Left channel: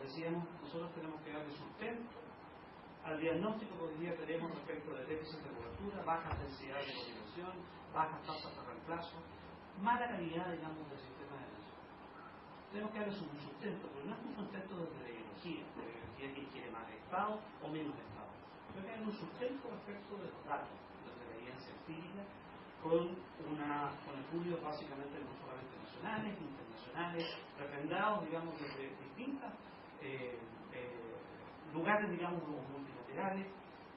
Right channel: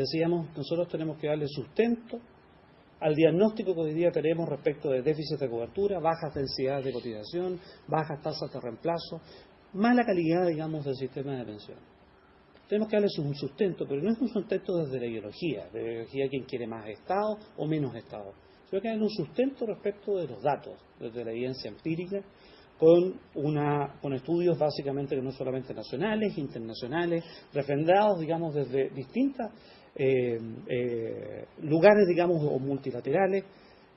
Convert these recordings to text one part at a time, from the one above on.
decíamos, nosotros tenemos que darle sustento al diagnóstico que hoy día tenemos respecto de déficit de cobertura, bajas densidades de cotización, bajas tasas de reemplazo, mala calidad, digamos, del sistema de pensión. Tenemos que darles un sustento, pero no es un sustento desde la ideología, de quién quiere más Estado o menos Estado. Sino que darle un sustento respecto de los datos, desde la evidencia empírica, con estudios básicamente que no solamente nacionales, internacionales, refrendados, digamos, desde distintas lugares, digamos, o multilaterales,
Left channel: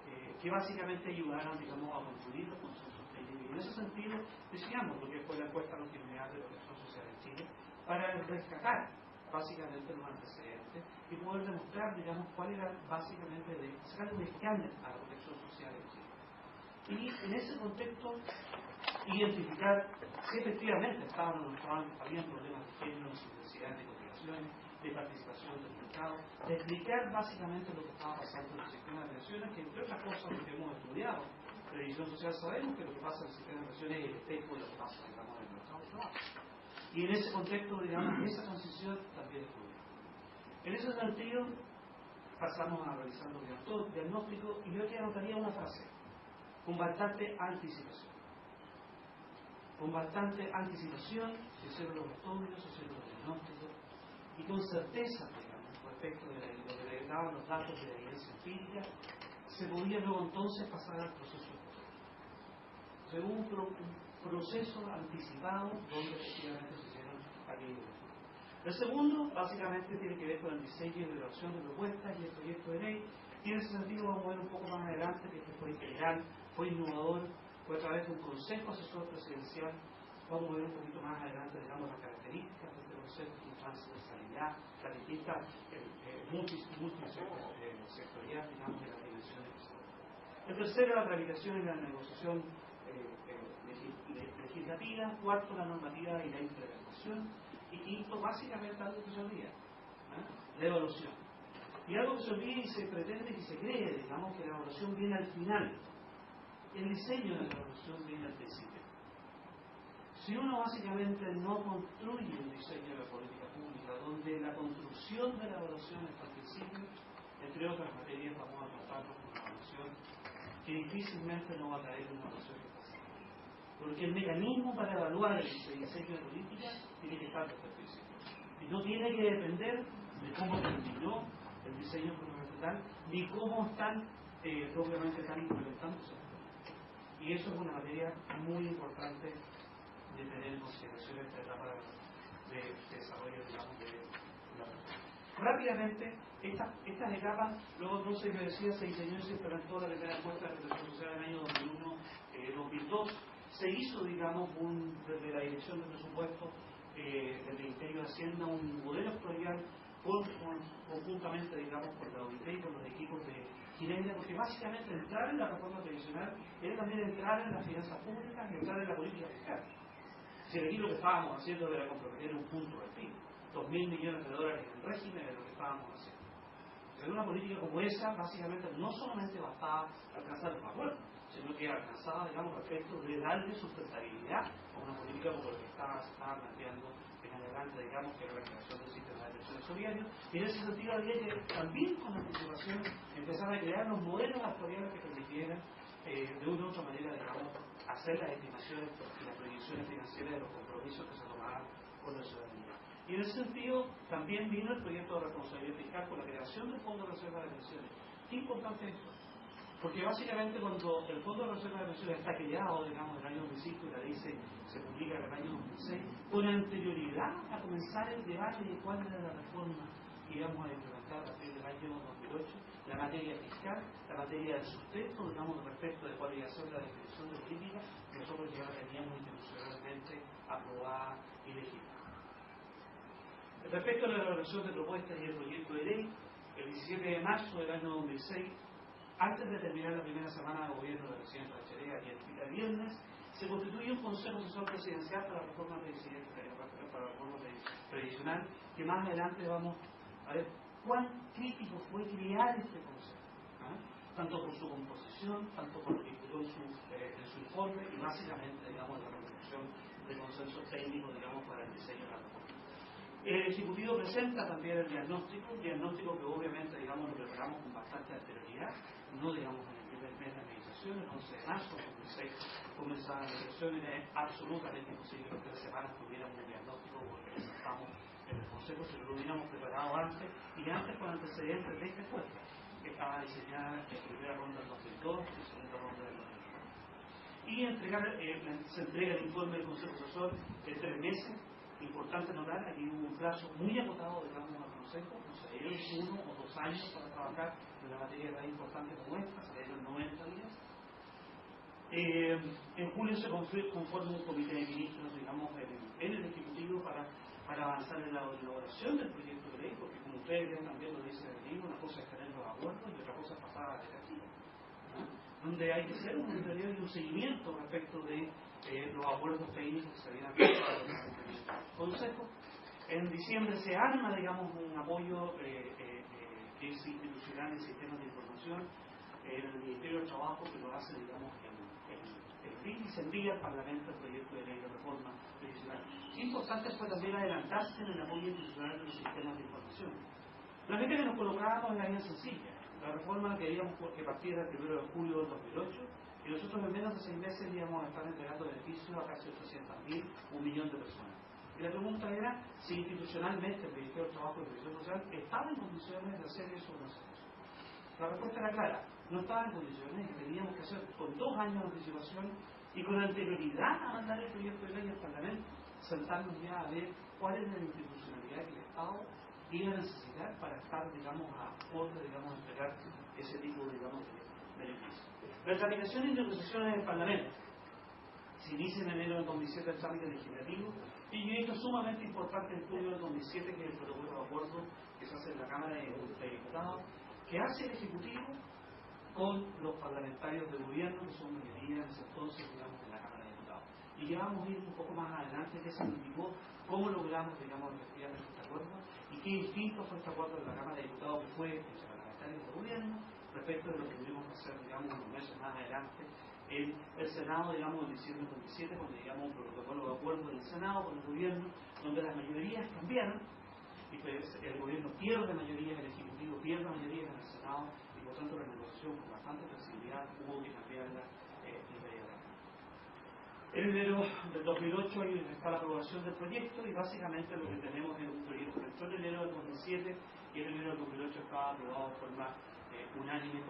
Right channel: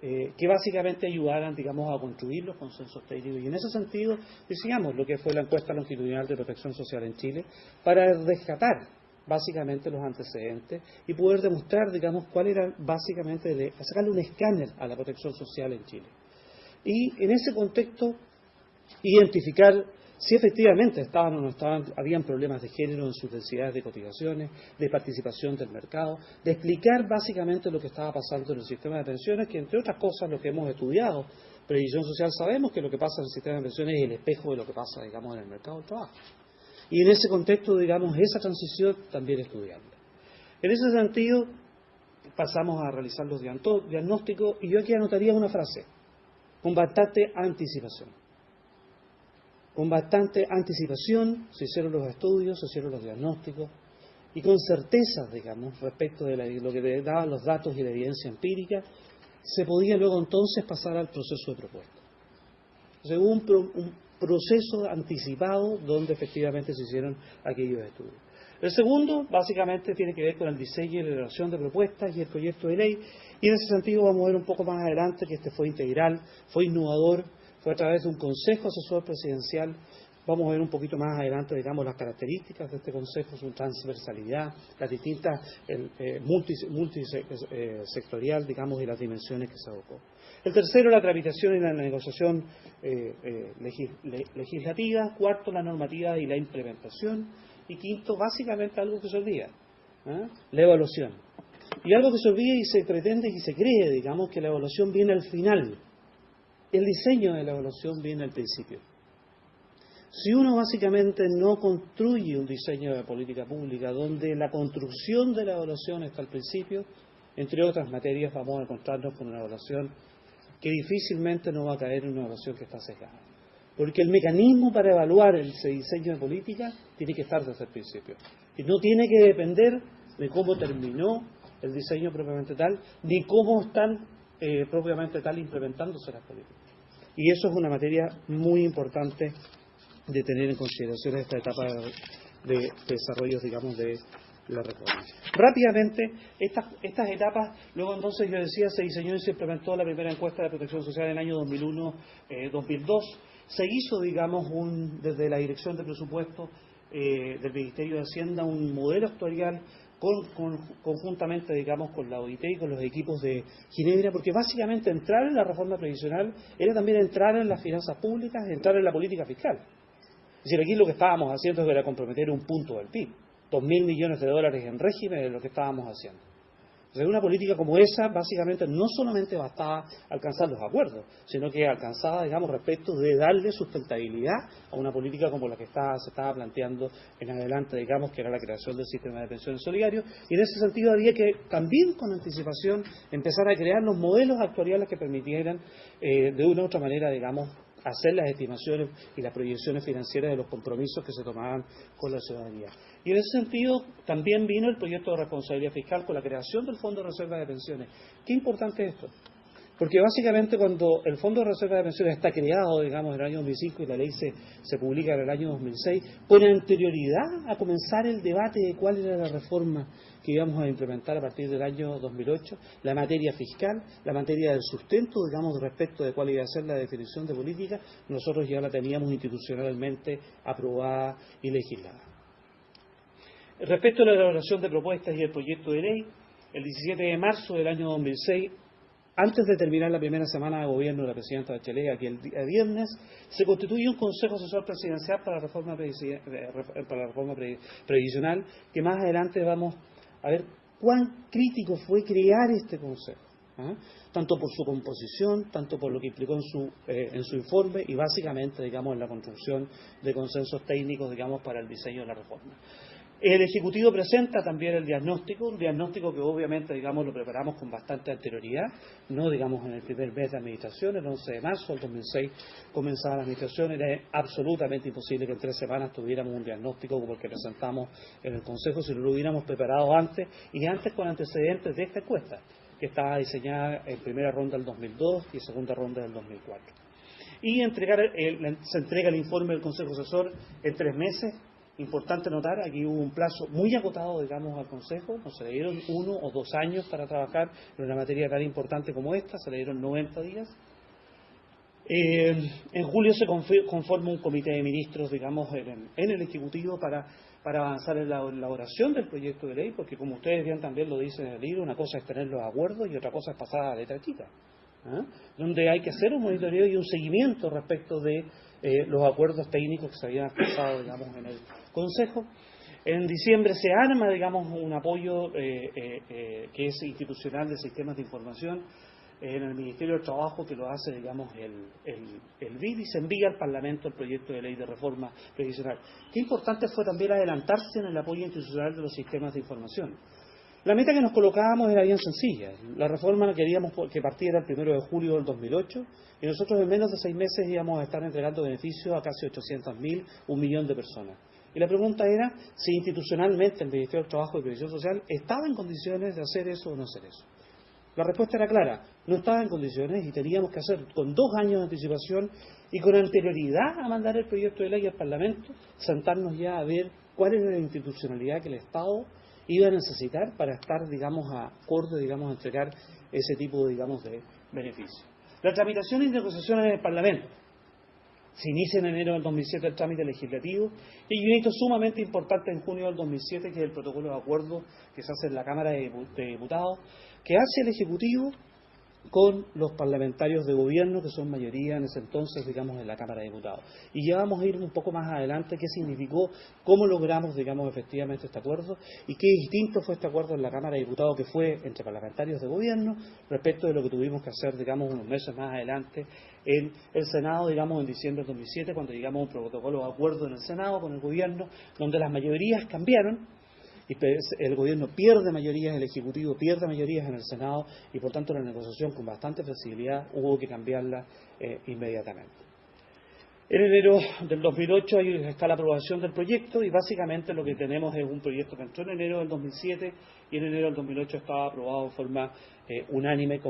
que básicamente ayudaran, digamos, a construir los consensos técnicos. Y en ese sentido, decíamos lo que fue la encuesta longitudinal de protección social en Chile, para rescatar básicamente los antecedentes y poder demostrar, digamos, cuál era básicamente, sacarle un escáner a la protección social en Chile. Y en ese contexto, identificar si efectivamente estaban o no estaban, habían problemas de género en sus densidades de cotizaciones, de participación del mercado, de explicar básicamente lo que estaba pasando en el sistema de pensiones, que entre otras cosas lo que hemos estudiado, previsión social, sabemos que lo que pasa en el sistema de pensiones es el espejo de lo que pasa, digamos, en el mercado del trabajo. Y en ese contexto, digamos, esa transición también estudiarla. En ese sentido, pasamos a realizar los diagnósticos, y yo aquí anotaría una frase: con bastante anticipación. Con bastante anticipación se hicieron los estudios, se hicieron los diagnósticos, y con certeza, digamos, respecto de lo que daban los datos y la evidencia empírica, se podía luego entonces pasar al proceso de propuesta. Entonces hubo un proceso anticipado donde efectivamente se hicieron aquellos estudios. El segundo, básicamente, tiene que ver con el diseño y la elaboración de propuestas y el proyecto de ley, y en ese sentido vamos a ver un poco más adelante que este fue integral, fue innovador, fue a través de un consejo asesor presidencial. Vamos a ver un poquito más adelante, digamos, las características de este consejo, su transversalidad, las distintas multisectorial, digamos, y las dimensiones que se adoptó. El tercero, la tramitación y la negociación legislativa. Cuarto, la normativa y la implementación. Y quinto, básicamente algo que se olvida, la evaluación. Y algo que se olvida y se pretende y se cree, digamos, que la evaluación viene al final. El diseño de la evaluación viene al principio. Si uno básicamente no construye un diseño de política pública donde la construcción de la evaluación está al principio, entre otras materias vamos a encontrarnos con una evaluación que difícilmente no va a caer en una evaluación que está sesgada. Porque el mecanismo para evaluar ese diseño de política tiene que estar desde el principio. Y no tiene que depender de cómo terminó el diseño propiamente tal, ni cómo están propiamente tal implementándose las políticas. Y eso es una materia muy importante de tener en consideración esta etapa de desarrollo, digamos, de la reforma. Rápidamente, estas etapas, luego entonces yo decía, se diseñó y se implementó la primera encuesta de protección social en el año 2001-2002. Se hizo, digamos, desde la Dirección de Presupuesto del Ministerio de Hacienda un modelo actuarial conjuntamente, digamos, con la OIT y con los equipos de Ginebra, porque básicamente entrar en la reforma previsional era también entrar en las finanzas públicas, entrar en la política fiscal. Es decir, aquí lo que estábamos haciendo era comprometer un punto del PIB, 2.000 millones de dólares en régimen es lo que estábamos haciendo. Entonces, una política como esa, básicamente, no solamente bastaba alcanzar los acuerdos, sino que alcanzaba, digamos, respecto de darle sustentabilidad a una política como la que se estaba planteando en adelante, digamos, que era la creación del sistema de pensiones solidarios, y en ese sentido había que también con anticipación empezar a crear los modelos actuariales que permitieran, de una u otra manera, digamos, hacer las estimaciones y las proyecciones financieras de los compromisos que se tomaban con la ciudadanía. Y en ese sentido también vino el proyecto de responsabilidad fiscal con la creación del Fondo de Reserva de Pensiones. ¿Qué importante es esto? Porque básicamente cuando el Fondo de Reserva de Pensiones está creado, digamos, en el año 2005 y la ley se publica en el año 2006, con anterioridad a comenzar el debate de cuál era la reforma que íbamos a implementar a partir del año 2008, la materia fiscal, la materia del sustento, digamos, respecto de cuál iba a ser la definición de política, nosotros ya la teníamos institucionalmente aprobada y legislada. Respecto a la elaboración de propuestas y el proyecto de ley, el 17 de marzo del año 2006, antes de terminar la primera semana de gobierno de la presidenta Bachelet, aquí el día viernes, se constituye un Consejo Asesor Presidencial para la reforma previsional, que más adelante vamos a ver cuán crítico fue crear este consejo, tanto por su composición, tanto por lo que implicó en su informe y básicamente, digamos, en la construcción de consensos técnicos, digamos, para el diseño de la reforma. El Ejecutivo presenta también el diagnóstico, un diagnóstico que obviamente, digamos, lo preparamos con bastante anterioridad, no digamos en el primer mes de administración, el 11 de marzo del 2006 comenzaba la administración, era absolutamente imposible que en 3 semanas tuviéramos un diagnóstico como el que presentamos en el Consejo si no lo hubiéramos preparado antes, y antes con antecedentes de esta encuesta, que estaba diseñada en primera ronda del 2002 y segunda ronda del 2004. Y se entrega el informe del Consejo Asesor en 3 meses. Importante notar, aquí hubo un plazo muy acotado, digamos, al Consejo, no se le dieron 1 o 2 años para trabajar en una materia tan importante como esta, se le dieron 90 días. En julio se conforma un comité de ministros, digamos, en el Ejecutivo para avanzar en la elaboración del proyecto de ley, porque como ustedes bien también lo dicen en el libro, una cosa es tener los acuerdos y otra cosa es pasar a la letra chica, donde hay que hacer un monitoreo y un seguimiento respecto de los acuerdos técnicos que se habían pasado, digamos, en el Consejo. En diciembre se arma, digamos, un apoyo que es institucional de sistemas de información en el Ministerio del Trabajo, que lo hace, digamos, el BID, y se envía al Parlamento el proyecto de ley de reforma previsional. Qué importante fue también adelantarse en el apoyo institucional de los sistemas de información. La meta que nos colocábamos era bien sencilla. La reforma queríamos que partiera el 1 de julio del 2008, y nosotros en menos de 6 meses íbamos a estar entregando beneficios a casi 800.000, 1 millón de personas. Y la pregunta era si institucionalmente el Ministerio del Trabajo y Previsión Social estaba en condiciones de hacer eso o no hacer eso. La respuesta era clara, no estaba en condiciones y teníamos que hacer con 2 años de anticipación y con anterioridad a mandar el proyecto de ley al Parlamento, sentarnos ya a ver cuál era la institucionalidad que el Estado iba a necesitar para estar, digamos, acorde, digamos, a entregar ese tipo, digamos, de beneficios. La tramitación y negociación en el Parlamento. Se inicia en enero del 2007 el trámite legislativo y un hito sumamente importante en junio del 2007, que es el protocolo de acuerdo que se hace en la Cámara de Diputados, que hace el Ejecutivo con los parlamentarios de gobierno, que son mayoría en ese entonces, digamos, en la Cámara de Diputados. Y ya vamos a ir un poco más adelante qué significó, cómo logramos, digamos, efectivamente este acuerdo y qué distinto fue este acuerdo en la Cámara de Diputados, que fue entre parlamentarios de gobierno, respecto de lo que tuvimos que hacer, digamos, unos meses más adelante en el Senado, digamos, en diciembre del 2007, cuando llegamos a un protocolo de acuerdo en el Senado con el gobierno, donde las mayorías cambiaron, y el gobierno pierde mayorías, el Ejecutivo pierde mayorías en el Senado, y por tanto la negociación con bastante flexibilidad hubo que cambiarla inmediatamente. En enero del 2008 está la aprobación del proyecto, y básicamente lo que tenemos es un proyecto que entró en enero del 2007 y en enero del 2008 estaba aprobado de forma unánime,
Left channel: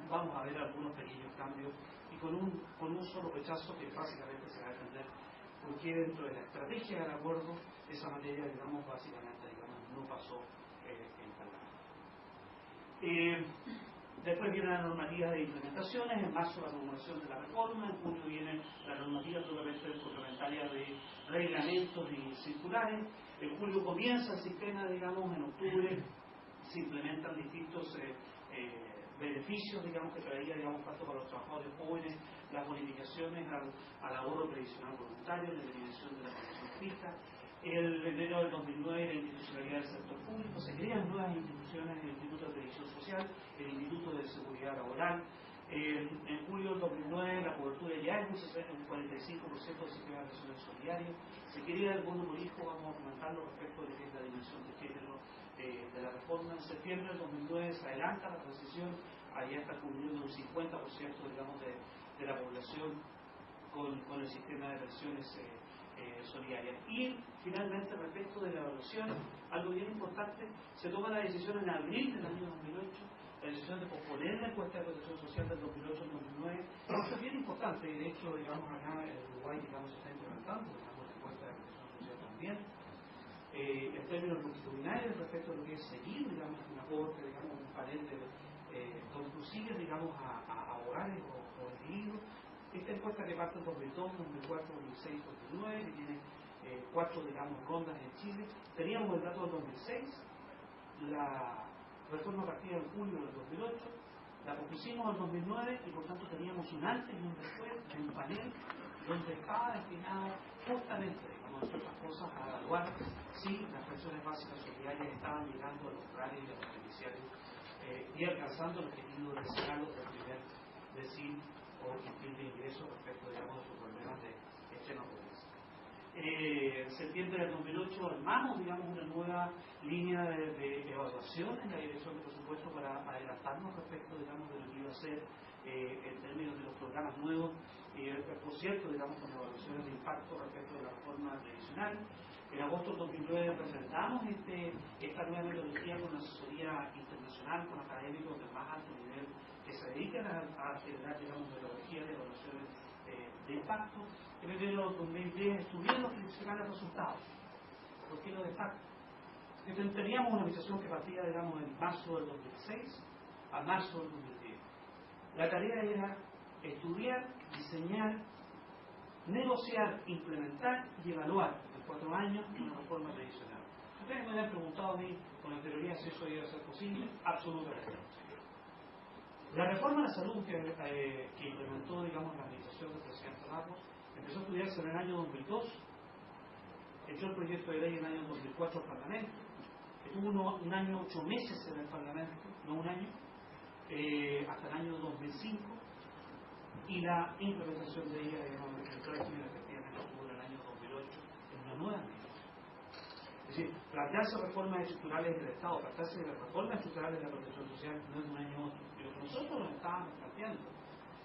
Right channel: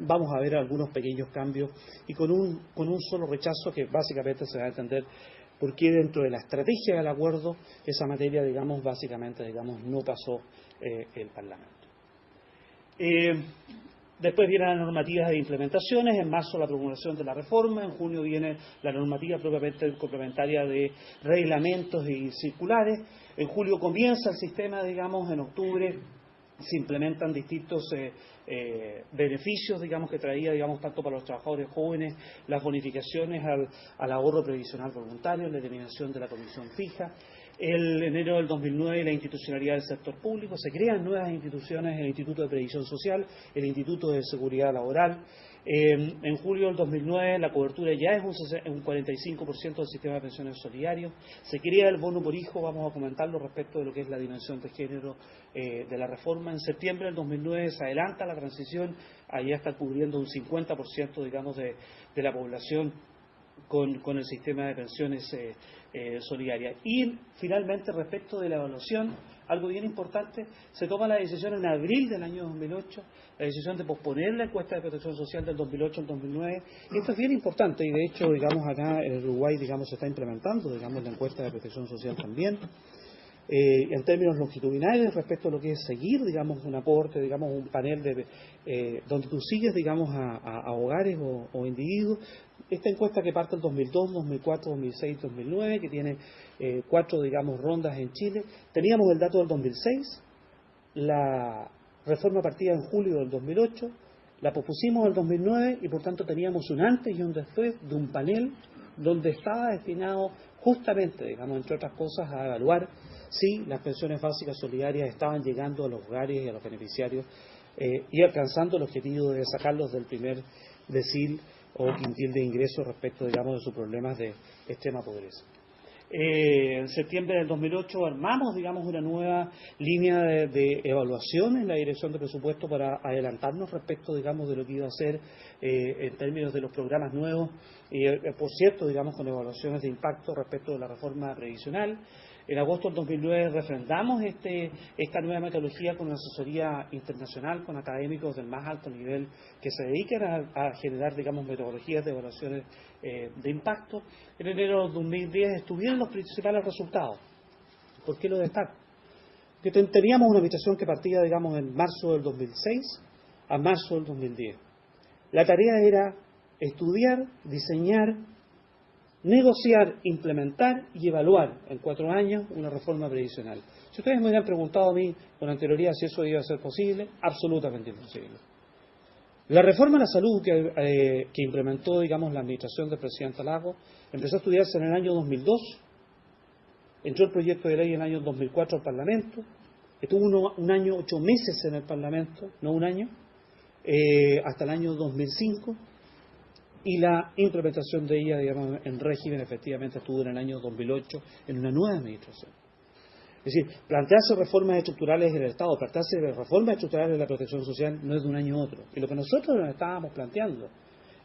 vamos a ver algunos pequeños cambios y con un solo rechazo que básicamente se va a entender por qué dentro de la estrategia del acuerdo esa materia, digamos, básicamente, digamos, no pasó el Parlamento. Después vienen las normativas de implementaciones, en marzo la promulgación de la reforma, en junio viene la normativa propiamente complementaria de reglamentos y circulares, en julio comienza el sistema, digamos, en octubre se implementan distintos beneficios, digamos, que traía, digamos, tanto para los trabajadores jóvenes, las bonificaciones al ahorro previsional voluntario, la eliminación de la comisión fija. En enero del 2009 la institucionalidad del sector público, se crean nuevas instituciones, el Instituto de Previsión Social, el Instituto de Seguridad Laboral. En julio del 2009 la cobertura ya es un 45% del sistema de pensiones solidarios. Se crea el bono por hijo, vamos a comentarlo respecto de lo que es la dimensión de género de la reforma. En septiembre del 2009 se adelanta la transición, ahí ya está cubriendo un 50%, digamos, de la población con el sistema de pensiones solidarias. Y finalmente, respecto de la evaluación, algo bien importante, se toma la decisión en abril del año 2008, la decisión de posponer la encuesta de protección social del 2008 al 2009. Esto es bien importante y de hecho, digamos, acá en Uruguay, digamos, se está implementando, digamos, la encuesta de protección social también. En términos longitudinales, respecto a lo que es seguir, digamos, un aporte, digamos, un panel donde tú sigues, digamos, a hogares o individuos. Esta encuesta que parte del 2002, 2004, 2006, 2009, que tiene 4, digamos, rondas en Chile. Teníamos el dato del 2006, la reforma partida en julio del 2008, la pospusimos en el 2009 y por tanto teníamos un antes y un después de un panel donde estaba destinado justamente, digamos, entre otras cosas, a evaluar si las pensiones básicas solidarias estaban llegando a los hogares y a los beneficiarios y alcanzando el objetivo de sacarlos del primer decil o quintil de ingresos respecto, digamos, de sus problemas de extrema pobreza. En septiembre del 2008 armamos, digamos, una nueva línea de evaluación en la dirección de presupuesto para adelantarnos respecto, digamos, de lo que iba a ser en términos de los programas nuevos, por cierto, digamos, con evaluaciones de impacto respecto de la reforma previsional. En agosto del 2009 refrendamos esta nueva metodología con una asesoría internacional, con académicos del más alto nivel que se dedican a generar, digamos, metodologías de evaluaciones de impacto. En enero del 2010 estuvieron los principales resultados. ¿Por qué lo destaco? Que teníamos una administración que partía, digamos, en marzo del 2006 a marzo del 2010. La tarea era estudiar, diseñar, negociar, implementar y evaluar en 4 años una reforma previsional. Si ustedes me hubieran preguntado a mí con anterioridad si eso iba a ser posible, absolutamente imposible. La reforma a la salud que implementó, digamos, la administración del presidente Lagos empezó a estudiarse en el año 2002, entró el proyecto de ley en el año 2004 al Parlamento, estuvo un año, 8 meses en el Parlamento, no un año, hasta el año 2005, y la implementación de ella, digamos, en régimen efectivamente estuvo en el año 2008 en una nueva administración. Es decir, plantearse reformas estructurales en el Estado, plantearse reformas estructurales de la protección social no es de un año a otro. Y lo que nosotros nos estábamos planteando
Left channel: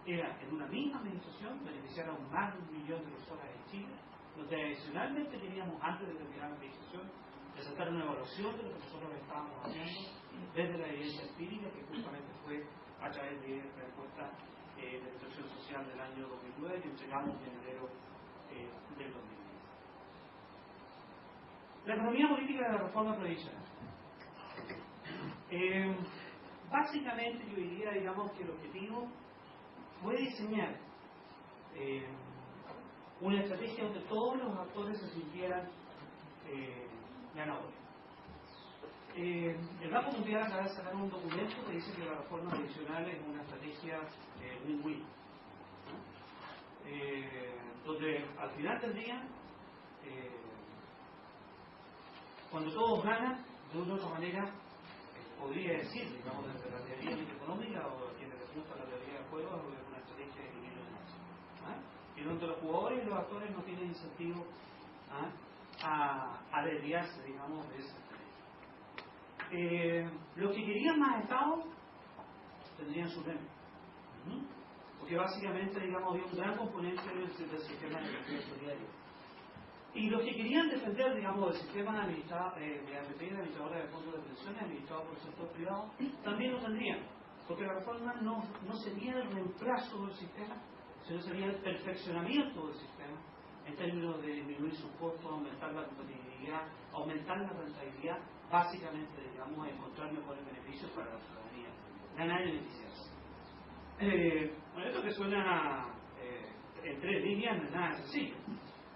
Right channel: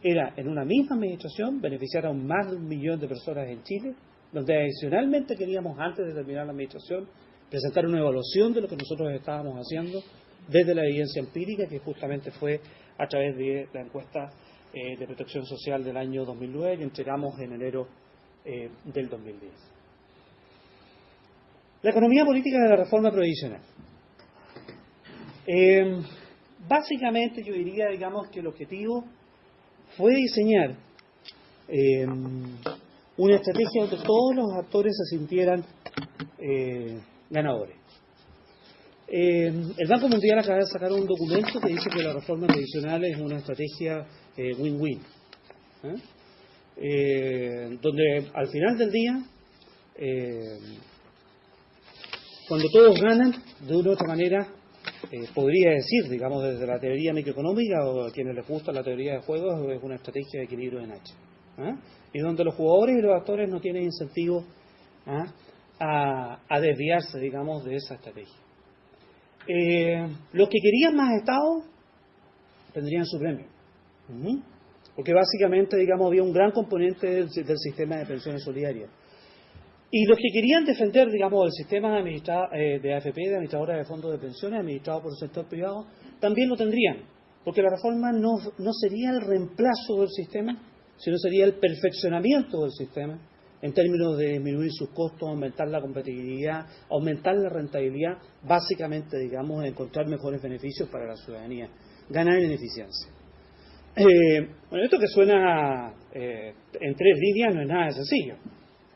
era, en una misma administración, beneficiar a más de 1 millón de personas en Chile, donde adicionalmente queríamos, antes de terminar la administración, presentar una evaluación de lo que nosotros estábamos haciendo desde la evidencia empírica, que justamente fue a través de la encuesta de protección social del año 2009, que entregamos en enero del 2010. La economía política de la reforma previsional. Básicamente yo diría, digamos, que el objetivo fue diseñar una estrategia donde todos los actores se sintieran ganadores. El Banco Mundial acaba de sacar un documento que dice que la reforma previsional es una estrategia win-win, donde al final del día cuando todos ganan, de una u otra manera, podría decir, digamos, desde la teoría microeconómica o a quienes les gusta la teoría de juegos, es una estrategia de equilibrio en H. Y donde los jugadores y los actores no tienen incentivo a desviarse, digamos, de esa estrategia. Los que querían más Estado tendrían su premio. Porque básicamente, digamos, había un gran componente del sistema de pensiones solidarias. Y los que querían defender, digamos, el sistema de AFP, de administradora de fondos de pensiones, administrado por el sector privado, también lo tendrían, porque la reforma no sería el reemplazo del sistema, sino sería el perfeccionamiento del sistema, en términos de disminuir sus costos, aumentar la competitividad, aumentar la rentabilidad, básicamente, digamos, encontrar mejores beneficios para la ciudadanía, ganar en eficiencia. Bueno, esto que suena en 3 líneas no es nada sencillo.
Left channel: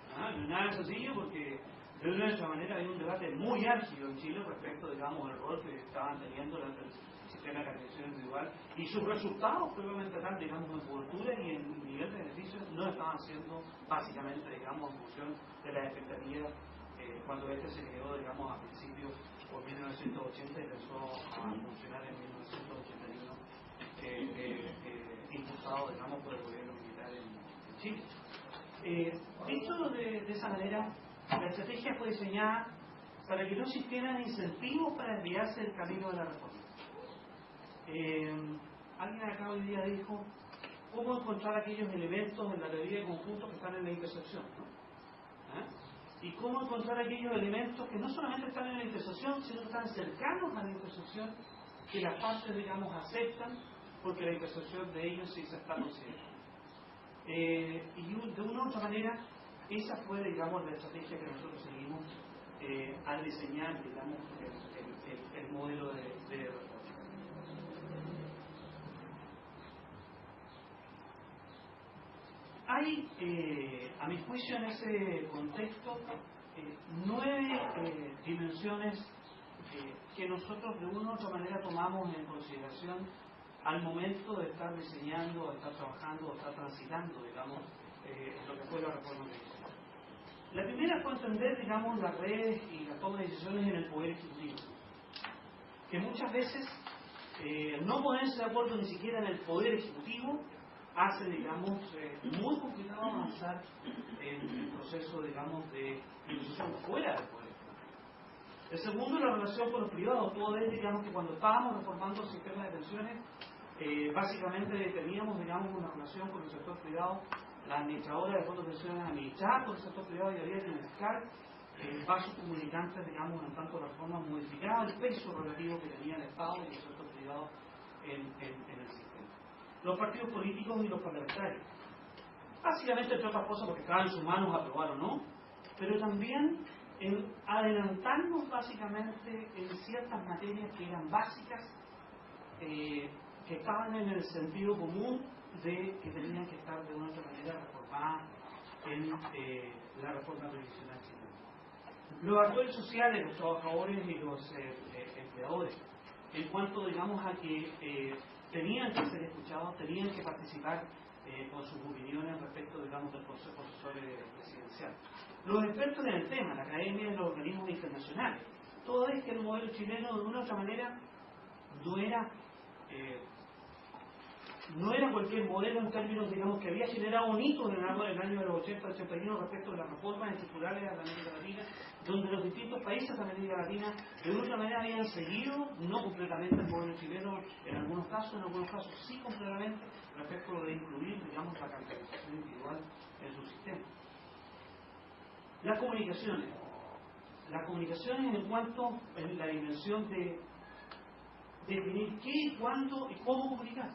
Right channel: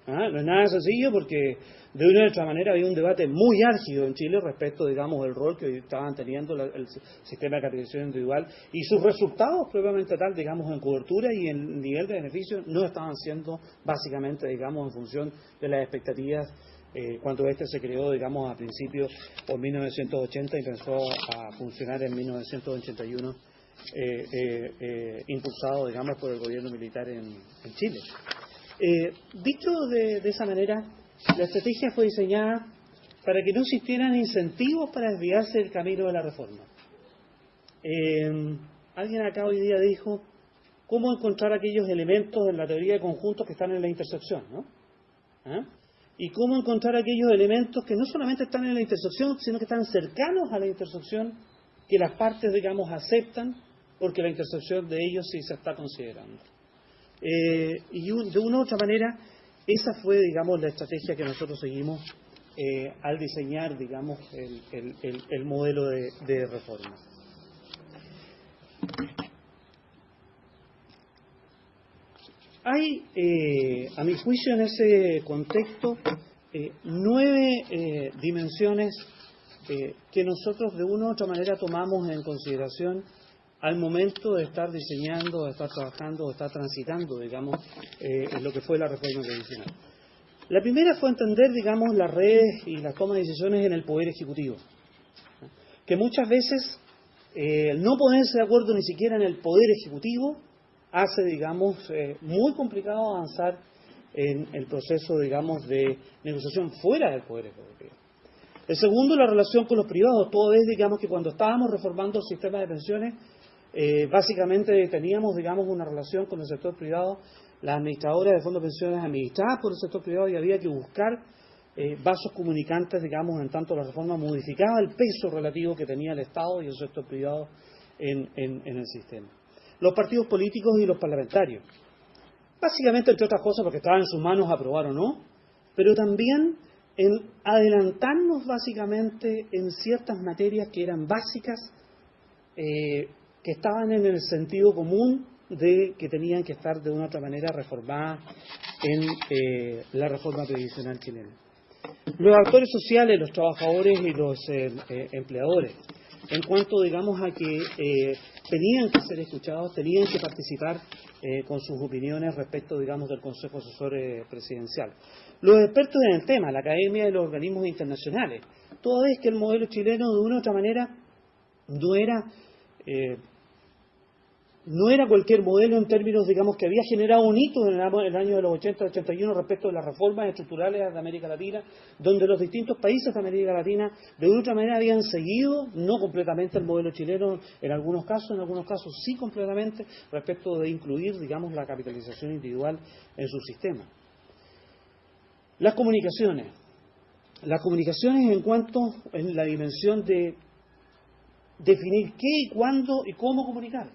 No es nada sencillo porque de una u otra manera había un debate muy álgido en Chile respecto, digamos, del rol que estaban teniendo el sistema de capitalización individual y sus resultados propiamente tal, digamos, en cobertura y en nivel de beneficio no estaban siendo básicamente, digamos, en función de las expectativas cuando se creó, digamos, a principios por 1980 y empezó a funcionar en 1981, impulsado, digamos, por el gobierno militar en Chile. Dicho de esa manera, la estrategia fue diseñada para que no existieran incentivos para desviarse del camino de la reforma. Alguien acá hoy día dijo cómo encontrar aquellos elementos en la teoría de conjuntos que están en la intersección, ¿no? Y cómo encontrar aquellos elementos que no solamente están en la intersección, sino que están cercanos a la intersección, que las partes, digamos, aceptan, porque la intersección de ellos sí se está considerando. Y de una u otra manera, esa fue, digamos, la estrategia que nosotros seguimos al diseñar, digamos, el modelo de reforma. Hay, a mi juicio, en ese contexto, 9 dimensiones que nosotros de una u otra manera tomamos en consideración al momento de estar diseñando, de estar trabajando, de estar transitando, digamos, en lo que fue la reforma previsional. La primera fue entender, digamos, las redes y la toma de decisiones en el Poder Ejecutivo, que muchas veces no ponerse de acuerdo ni siquiera en el Poder Ejecutivo hace, digamos, muy complicado avanzar en el proceso, digamos, de negociación fuera del Poder Ejecutivo. El segundo, la relación con los privados. Todo es, digamos, que cuando estábamos reformando el sistema de pensiones, básicamente teníamos, digamos, una relación con el sector privado, las administradoras de fondos de pensiones administradas por el sector privado, y había que buscar vasos comunicantes, digamos, en tanto la reforma modificaba el peso relativo que tenía el Estado y el sector privado en el sistema. Los partidos políticos y los parlamentarios. Básicamente, entre otras cosas, porque estaba en sus manos aprobar o no, pero también en adelantarnos básicamente en ciertas materias que eran básicas, que estaban en el sentido común de que tenían que estar de una u otra manera reformadas en la reforma previsional chilena. Los actores sociales, los trabajadores y los empleadores, en cuanto, digamos, a que tenían que ser escuchados, tenían que participar con sus opiniones respecto, digamos, del Consejo Asesor Presidencial. Los expertos en el tema, la academia y los organismos internacionales. Todo es que el modelo chileno, de una u otra manera, no era cualquier modelo en términos, digamos, que había generado un hito en el año de los 80-81 respecto de las reformas estructurales de América Latina, donde los distintos países de América Latina de otra manera habían seguido, no completamente el modelo chileno en algunos casos sí completamente, respecto de incluir, digamos, la capitalización individual en su sistema. Las comunicaciones en cuanto en la dimensión de definir qué, cuándo y cómo comunicar,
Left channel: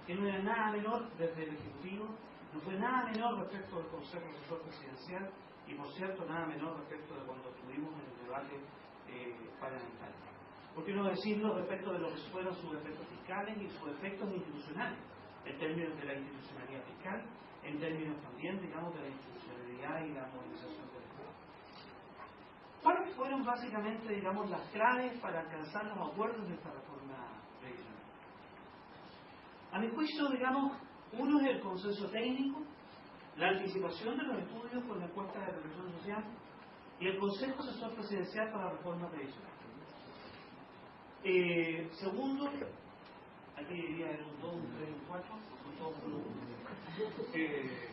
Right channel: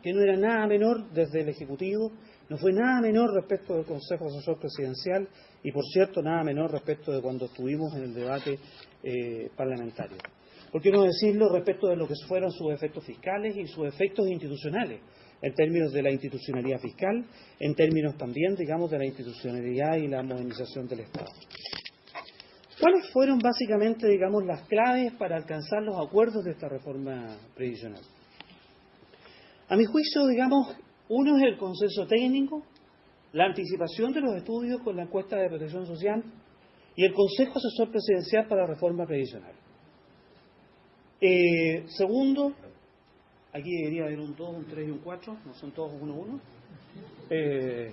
que no era nada menor desde el Ejecutivo, no fue nada menor respecto del Consejo Asesor Presidencial y, por cierto, nada menor respecto de cuando estuvimos en el debate parlamentario. ¿Por qué no decirlo respecto de lo que fueron sus efectos fiscales y sus efectos institucionales, en términos de la institucionalidad fiscal, en términos también, digamos, de la institucionalidad y la modernización del Estado? ¿Cuáles fueron básicamente, digamos, las claves para alcanzar los acuerdos de esta reforma previsional? A mi juicio, digamos, uno es el consenso técnico, la anticipación de los estudios con la encuesta de protección social y el Consejo Asesor Presidencial para la reforma previsional. Segundo, aquí debería haber un 2, un 3 y un 4, no son todos 1-1.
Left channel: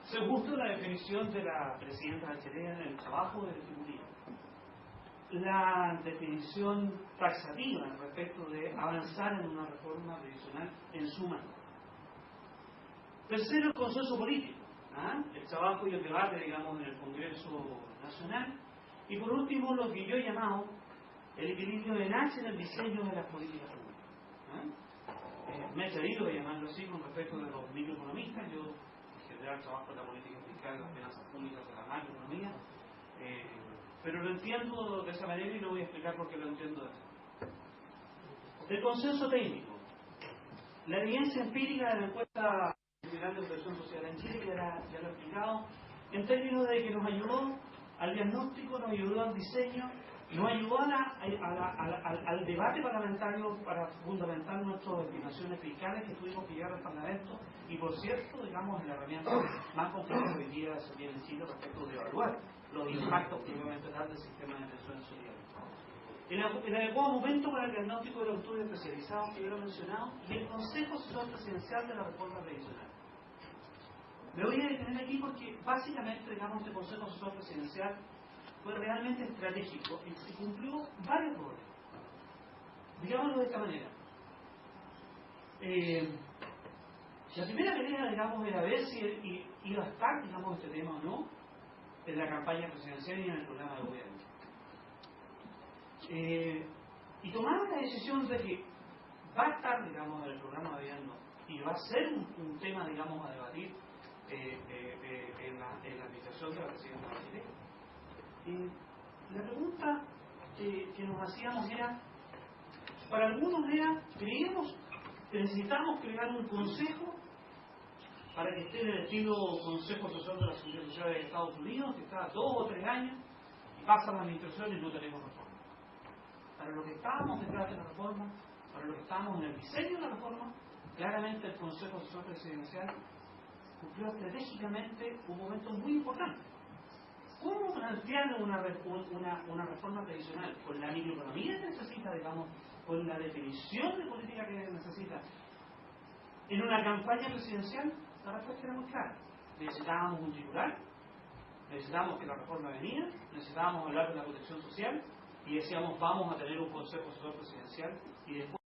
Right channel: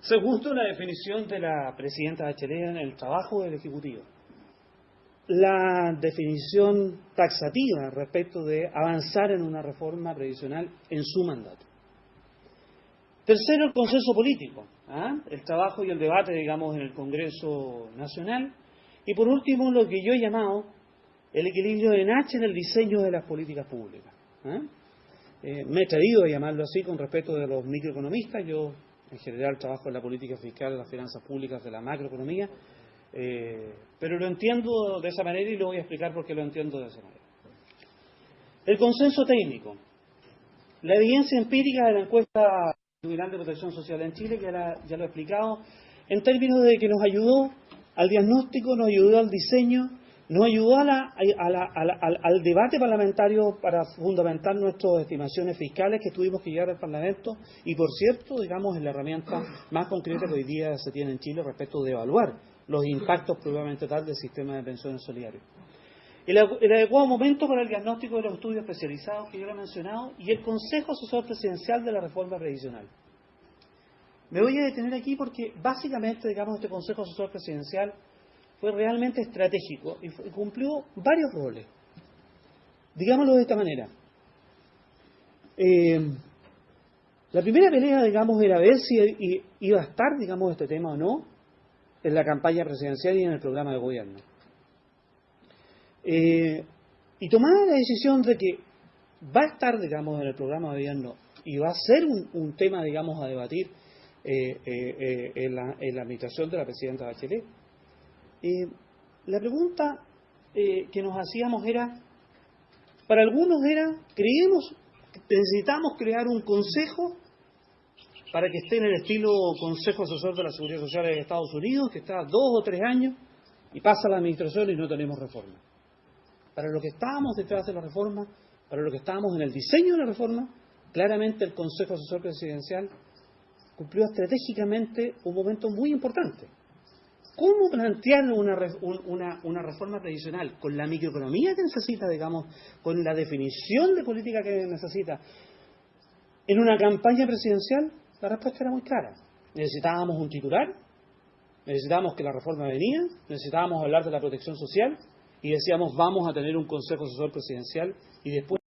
Segundo, la definición de la presidenta Bachelet en el trabajo del Ejecutivo. La definición taxativa respecto de avanzar en una reforma previsional en su mandato. Tercero, el consenso político, el trabajo y el debate, digamos, en el Congreso Nacional. Y por último, lo que yo he llamado el equilibrio de Nash en el diseño de las políticas públicas. Me he atrevido a llamarlo así con respecto de los microeconomistas. Yo, en general, trabajo en la política fiscal de las finanzas públicas de la macroeconomía. Pero lo entiendo de esa manera y lo voy a explicar por qué lo entiendo de esa manera. El consenso técnico. La evidencia empírica de la encuesta general de protección social en Chile, ya lo he explicado, en términos de que nos ayudó al diagnóstico, nos ayudó al diseño, nos ayudó al debate parlamentario para fundamentar nuestras estimaciones fiscales que tuvimos que llevar al Parlamento y, por cierto, digamos, en la herramienta más concreta que hoy día se tiene en Chile respecto de evaluar los impactos probablemente tal del sistema de pensiones solidarias. El adecuado momento para el diagnóstico de los estudios especializados que yo lo he mencionado y el Consejo Asesor Presidencial de la Reforma Previsional. Me voy a detener aquí porque básicamente, digamos, este Consejo Asesor Presidencial fue realmente estratégico y cumplió varios roles. Digámoslo de esta manera. La primera pelea, digamos, era ver si iba a estar, digamos, este tema o no en la campaña presidencial y en el programa de gobierno. Y tomar la decisión de que va a estar, digamos, en el programa de gobierno y va a ser un tema, digamos, a debatir en la administración de la presidenta Bachelet. La pregunta que nos hacíamos era, para algunos era, necesitamos crear un consejo para que esté en el estilo Consejo Asesor de la Seguridad Social de Estados Unidos, que está 2 o 3 años y pasa la administración y no tenemos reforma. Para lo que estábamos detrás de la reforma, para lo que estábamos en el diseño de la reforma, claramente el Consejo Asesor Presidencial cumplió estratégicamente un momento muy importante. ¿Cómo plantear una reforma previsional con la microeconomía que necesita, digamos, con la definición de política que necesita en una campaña presidencial? La respuesta era muy clara. Necesitábamos un titular necesitábamos que la reforma venía, necesitábamos hablar de la protección social y decíamos vamos a tener un Consejo Asesor Presidencial y después